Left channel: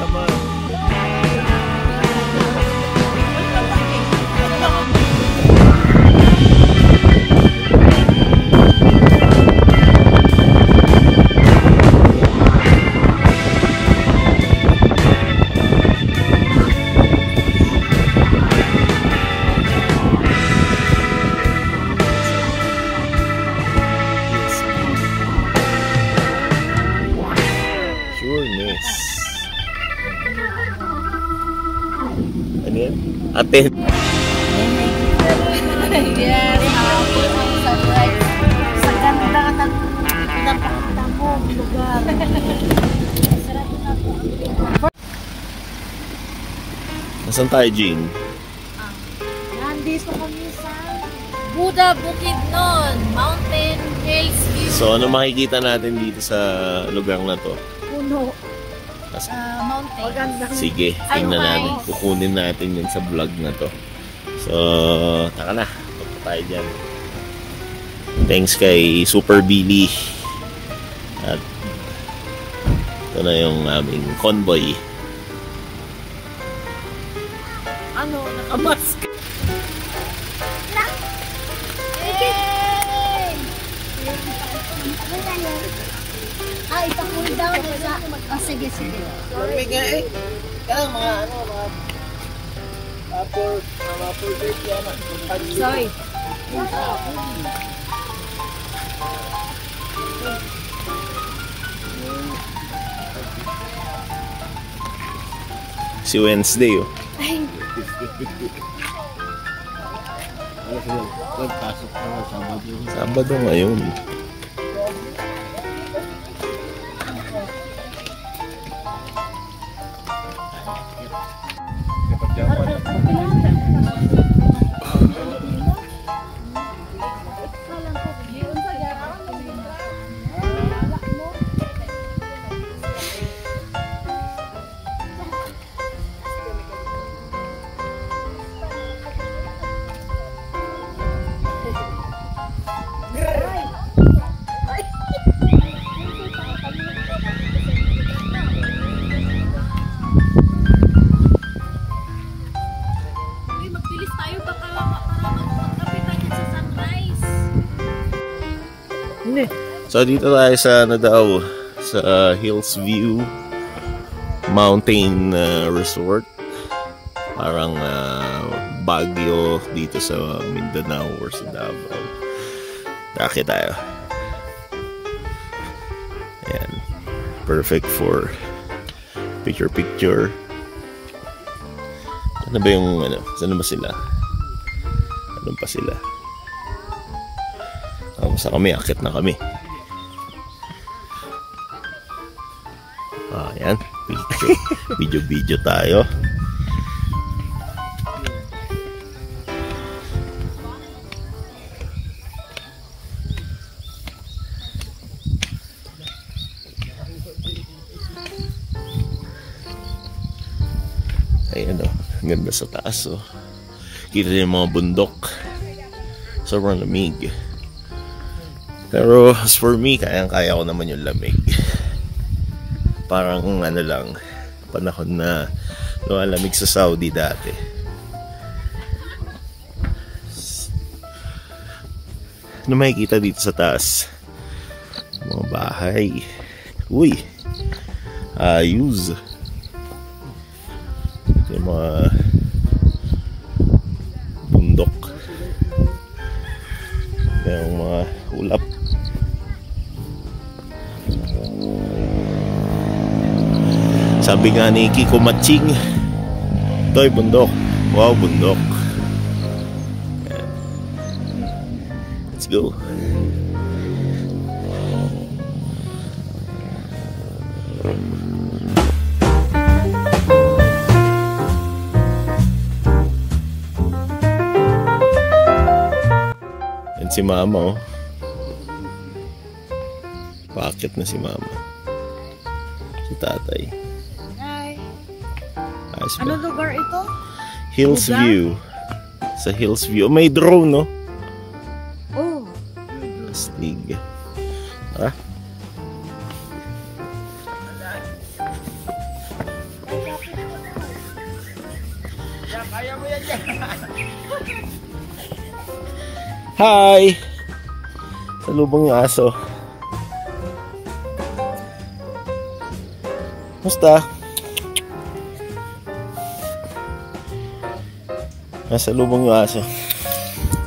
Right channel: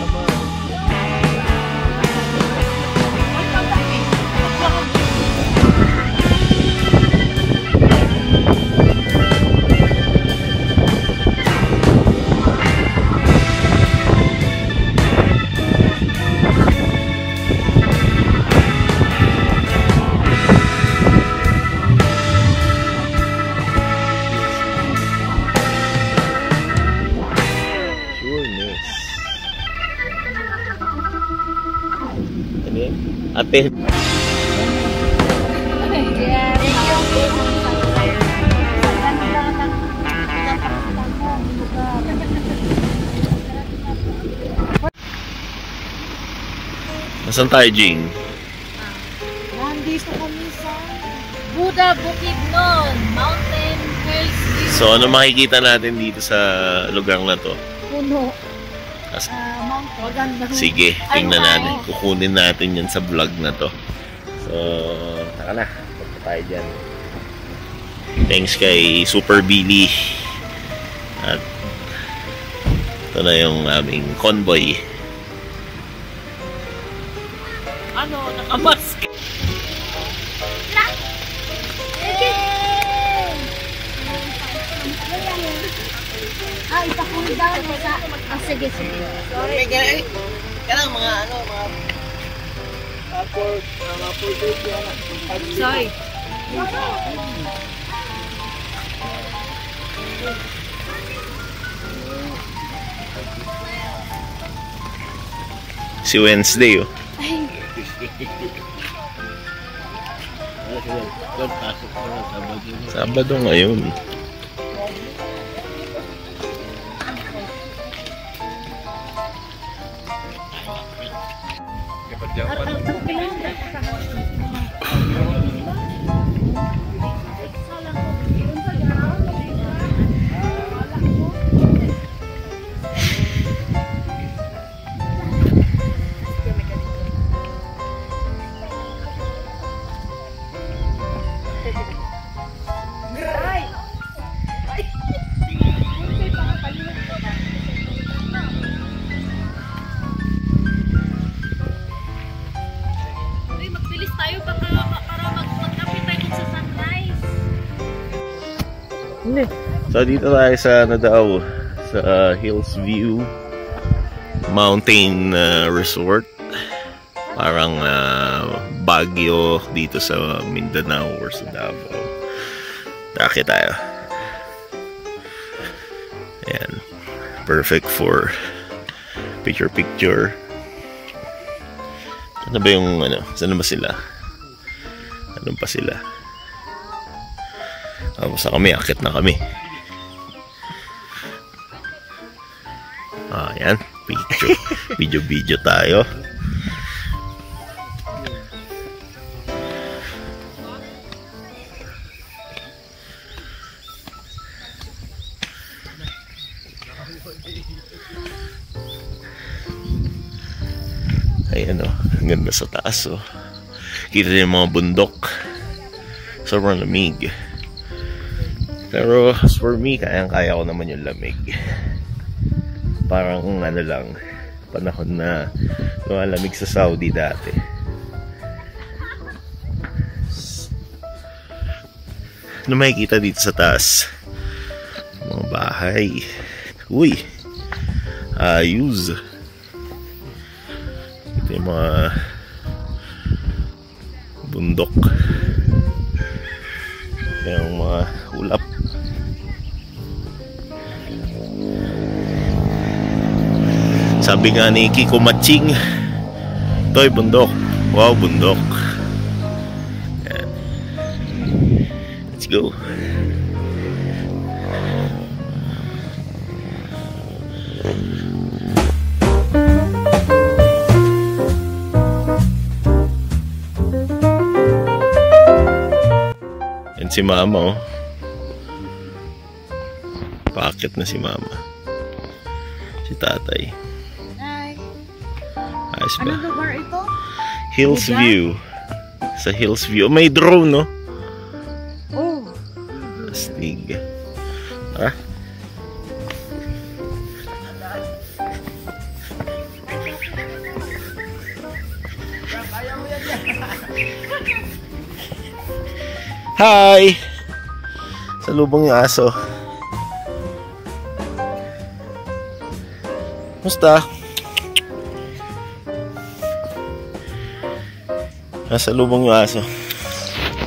sama. Ano yan? Atin. Nasaan tayo, Jing? Nandito kami sa Buda Bukidnon, Mountain Hills View. So, ano makikita natin dito sa lugar na to? Puno. Mountain. Sige, tingnan natin. Kukunin natin yan sa vlog na to. So, taka na. Punta tayo dyan. Thanks kay Super Billy. At ito na yung aming convoy. Ano? Nakamask. Yay! Ah, ipakul daw sa... Ah, sige, sige. Kanang mga ano, mga portrait yan. Sorry. Si Wednesday, oh. Sabado ngayon. So dito tayo sa Nadao sa Hills View Mountain Resort. Parang Baguio dito sa Mindanao or sa Davao. Daki tayo. Ayan. Perfect for picture. Ano ba yung ano? Saan ba sila? Anong pa sila? Basta kami, akit na kami. Ayan, picture. Video tayo. Ayan, oh, ganda sa taas, oh. Kita yung mga bundok. Sobrang lamig. Pero as for me, kayang-kaya ko naman yung lamig. Parang ano lang, panahon na lumalamig sa Saudi dati. Ano makikita dito sa taas? Mga bahay. Uy! Ayos! Ito yung mga bundok. Yung mga ulap. Sabi nga ni Kiko Matching, ito'y bundok. Wow, bundok. Yan. Let's go. Yan si Mama, oh. Paakit na si Mama. Si Tatay. Ayos ba? Anong lugar ito? Hills View. Sa Hills View. May drone, no? Oh. Astig. Tara. Ayaw mo yan dyan. Hi! Salubong yung aso. Musta? Nasa lubong yung aso.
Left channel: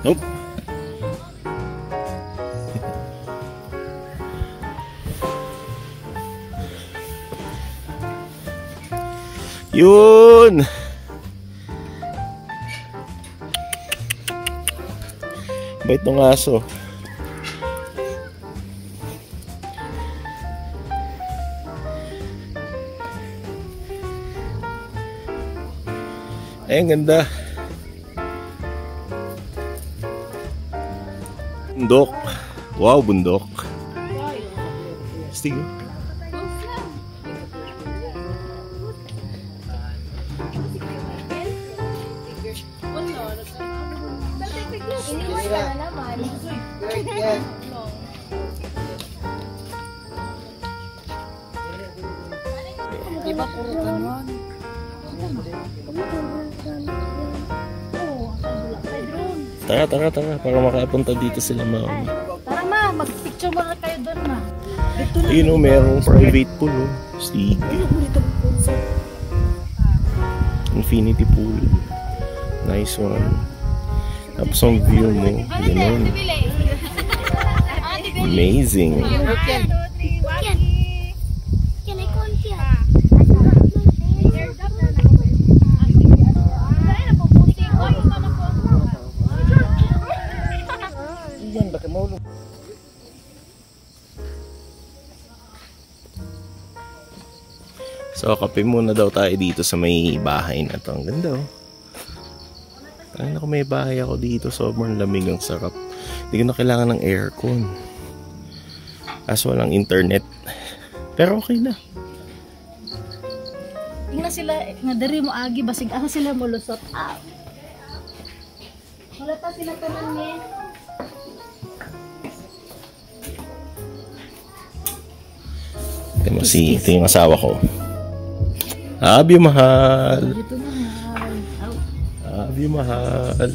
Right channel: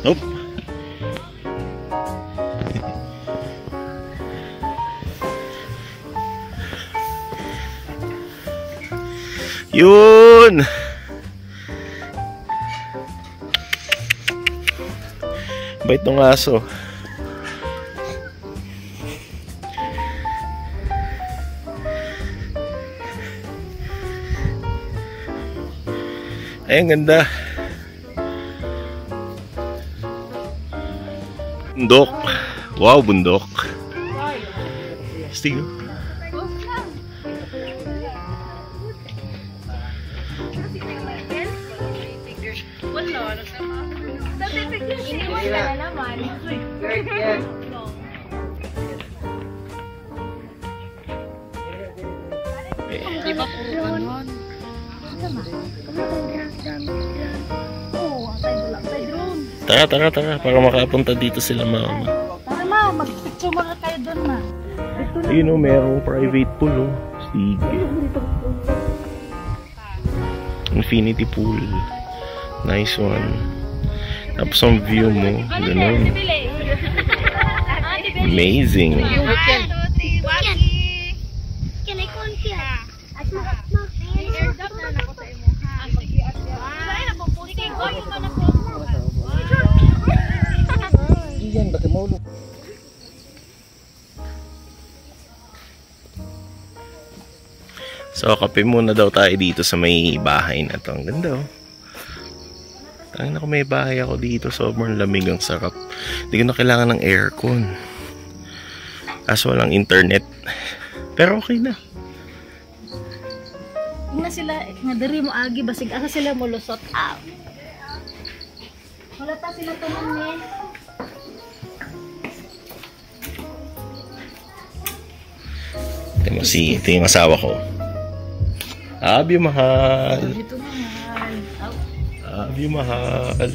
Nope. Yun! Bait ng aso. Ay, ang ganda. Bundok. Wow, bundok. Stigo. Iniwan ka na naman. Yan. Di ba puro ganon? Tara, para makapunta dito sila mama. Tara ma, mag-picture mo kayo doon ma. Ayun o, merong private pool o. Sige. Infinity pool. Nice one. Tapos ang view mo, ganun. Amazing. So, kape muna daw tayo dito sa may bahay na to. Ang ganda oh. Tangina ko, may bahay ako dito. Sobrang lamig, ang sarap. Hindi ko na kailangan ng aircon. Kaso walang internet. Pero okay na. Tingnan sila, nga dari mo agi, basig asa sila mulusot. Wala pa sila tanan eh. Ito yung asawa ko. Abi mahal. Dito na mahal. Abi mahal.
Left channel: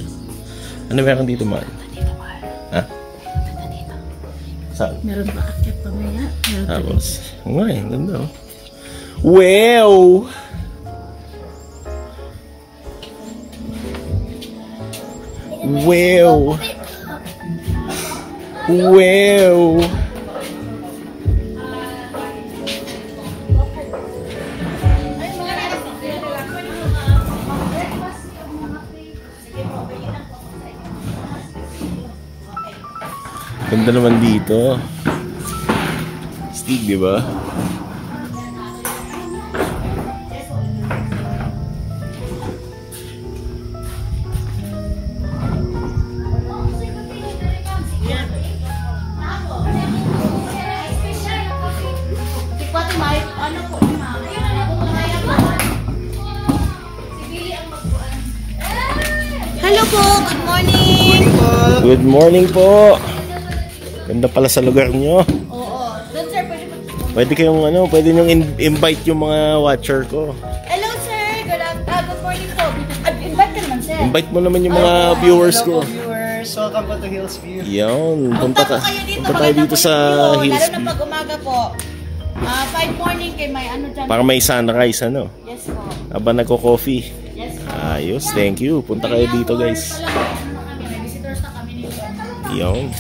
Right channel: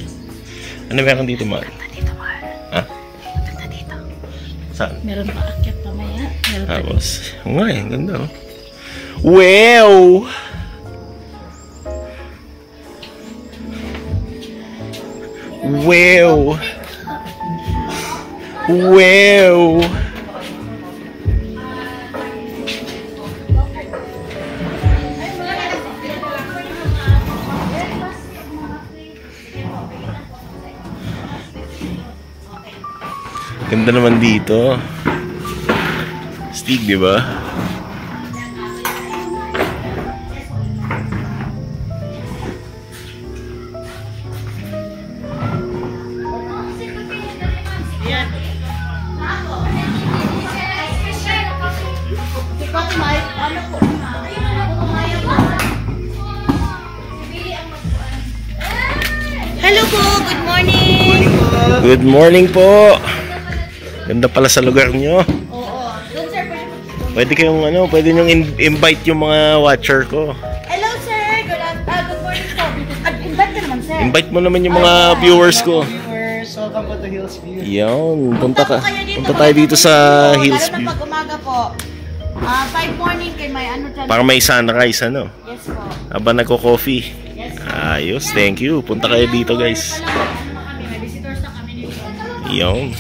Ano meron dito mahal? Dito mahal. Ha? Dito. Saan? Meron pa akyat mamaya. Tapos, nga eh, ganda oh. Wow! Wow! Wow! Ganda naman dito. Stig, di ba? Hello po, good morning. Good morning po. Ganda pala sa lugar nyo. Oo. Good sir, Pwede kayong pwede nyong invite yung mga watcher ko. hello sir, good morning po. Invite ka naman sir. Invite mo naman yung mga viewers ko. Viewers, welcome po to Hills View. Yan, punta kayo dito, tayo dito sa Hills Lalo View. na pag umaga po. 5 morning kay may ano dyan. Para may sunrise, ano? Yes po. Habang nagko-coffee. Yes po. Ayos, thank you. Punta kayo dito, guys. May visitors na kami nito. Yan.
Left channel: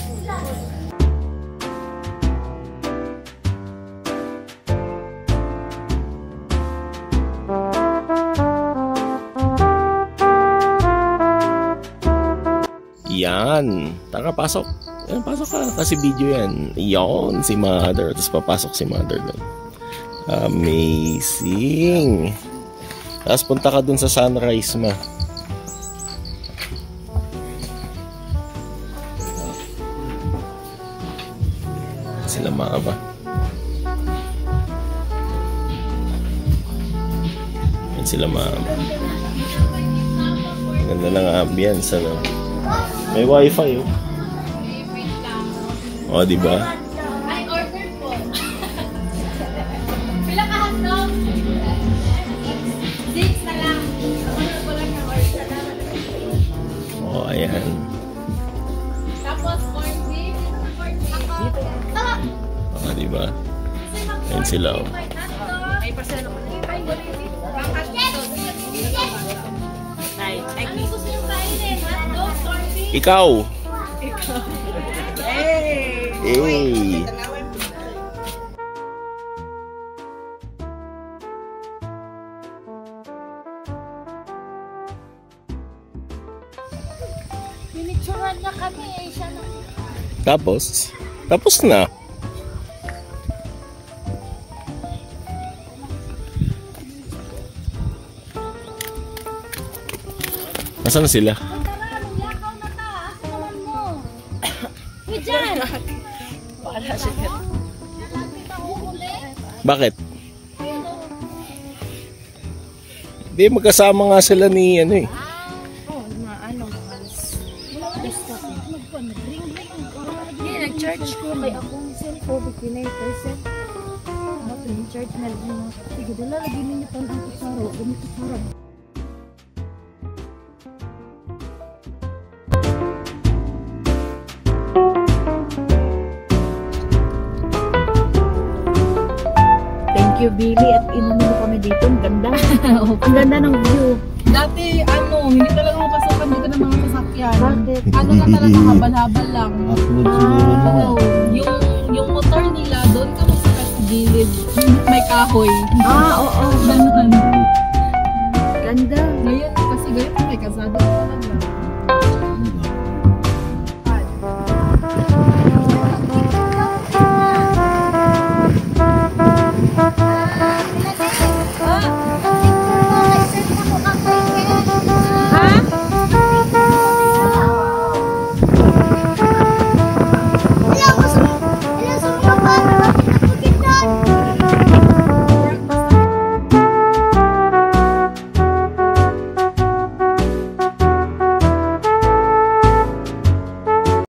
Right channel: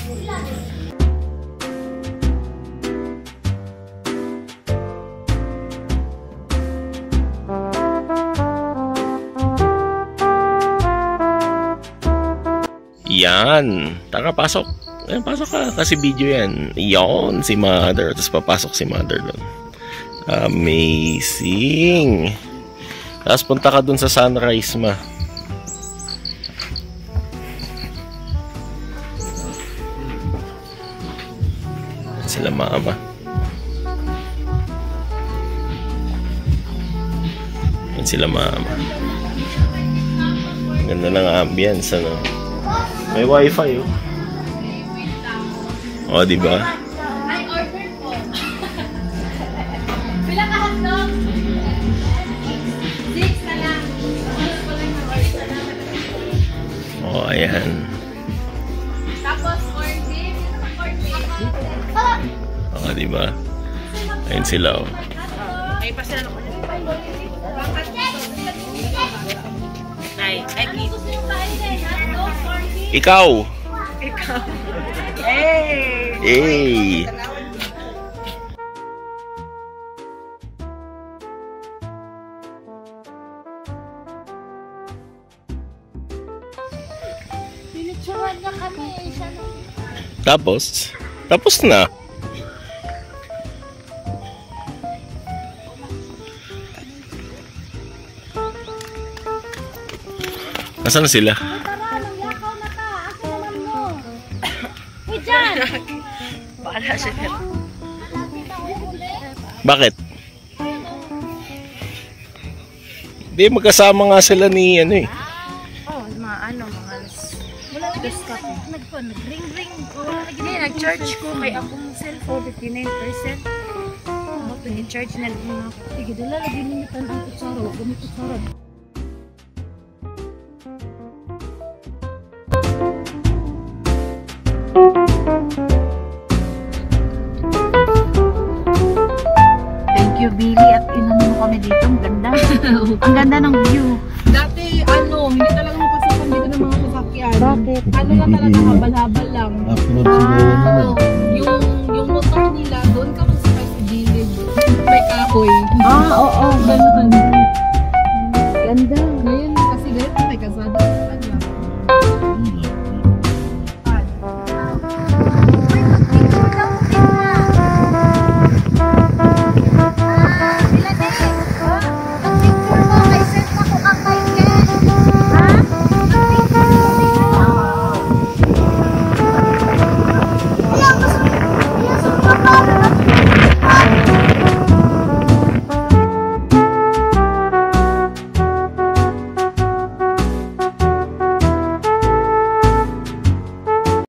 Yan. Tara, pasok. Pasok ka kasi video yan. Yan, si Mother. Tapos papasok si Mother doon. Amazing. Tapos punta ka dun sa sunrise, ma. Sila mama. Yan sila mama. Ganda ng ambience, ano. May wifi, oh. O, diba? Ay, order po. Pila ka hotdog? 6 na lang. Yan. Tapos corn beef. O, diba? Ayun sila, oh. Ay, pasal. Ay, Ikaw! Hey! Hey! Pinicturan na kami eh. Tapos na. Nasaan na sila? Tara, magyakaw na ka. Akin naman mo. Uy, dyan! Bahala siya. Lapit ang uhuli. Bakit? Di, magkasama nga sila ni ano eh. Oh, mga ano, mga Nag-ring-ring. Hindi, nag-charge ko kay akong cellphone, 59%. Ako, in-charge na lang. Sige, dala, lagyan ninyo ang kutsara. Gamit kutsara. Thank you, Billy. At inano mo kami dito. Ang ganda. Ang ganda ng view. Dati, hindi talaga mapasakan dito ng mga sasakyan. Bakit? Ano lang talaga, habal-habal lang. Yung motor nila, doon ka masakan sa gilid. May kahoy. Oo. Ganun. Ganda.